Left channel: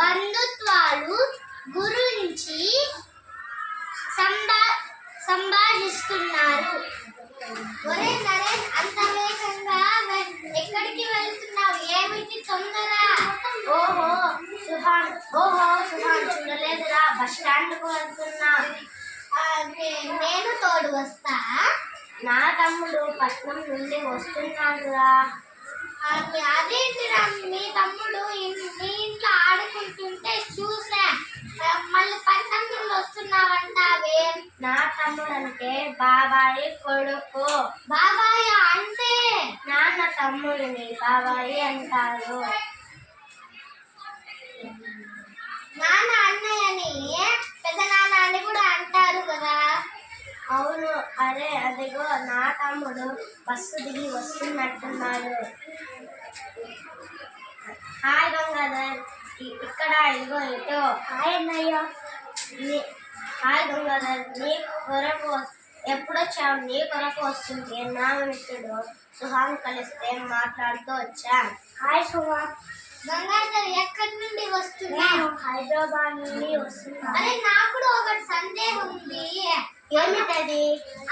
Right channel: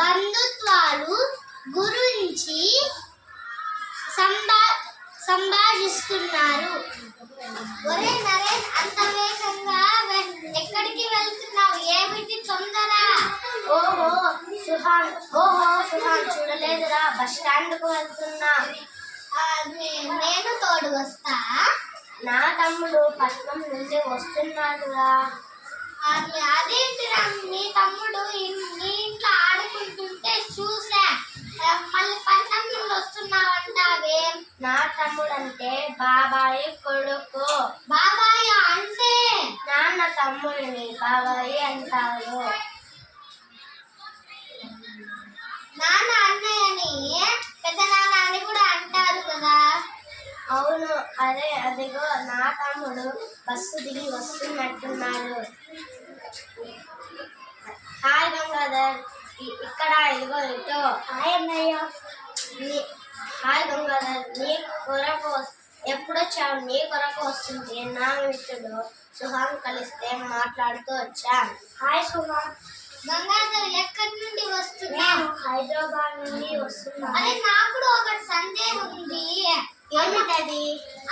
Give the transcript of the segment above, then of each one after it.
బంధుత్వాలు గురించి సంభాషిస్తున్నారు ఒరే నరేష్ అంతమే వేగంగా ఎక్కడికి వెళ్తున్నావు ఏమిటి తొందరా ఓహో సుహాన్ ఓహో సుహాన్ చూడలేదురా బస్ స్టాండ్ కు వెళ్తున్నా నేను తోడు వస్తా నా తమ్ముడు పట్నం నుండి వస్తున్నాడురా అదేంటి మీ తమ్ముడు అనుకుంటుంటే చూసా మళ్ళీ పట్టణంలో వస్తున్నావు అంటావే నా తమ్ముడు అంటే బాబాయి కొడుకు బాబాయ్ అంటే నాన్న తమ్ముడిని బాబాయి అంటారు నాన్న అన్నయ్య అని పెద్ద నాన్న అని కూడా అంటారు కదా అవును అదే అదిగో నా తమ్ముడు బస్సు దిగి వస్తున్నట్టున్నాడు హాయ్ గంగాధర్ ఇక్కడ ఎదుగుతో హాయ్ అన్నయ్య హాయ్ గంగాధర్ నీ కొరకు ఎప్పుడు వచ్చావు నీ కొరకు వస్తుంది నా మిత్రుడు సుహాన్ కలిస్తే మాట్లాడుతూ వచ్చా హాయ్ సుహాన్ గంగాధర్ ఎక్కడి నుండి వస్తున్నాను హైదరాబాద్ నుండి వస్తున్నా అదే నాకు ఒకటి సందేహం ఉంది ఏమిటది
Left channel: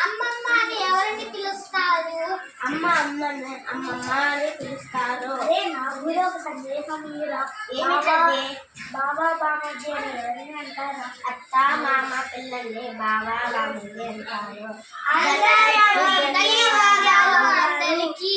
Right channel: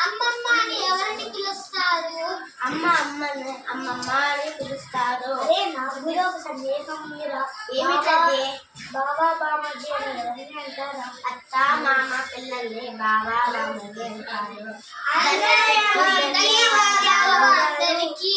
అమ్మమ్మ అని ఎవరిని పిలుస్తారు అమ్మ అమ్మ అమ్మమ్మ అని పిలుస్తారు ఏమిటంటే బాబా బామాజీ అని ఎవరిని అంటారా అత్త మామ పిల్లల్ని బాబా బామాజీ అంటారు ధన్యవాదాలు అందరికీ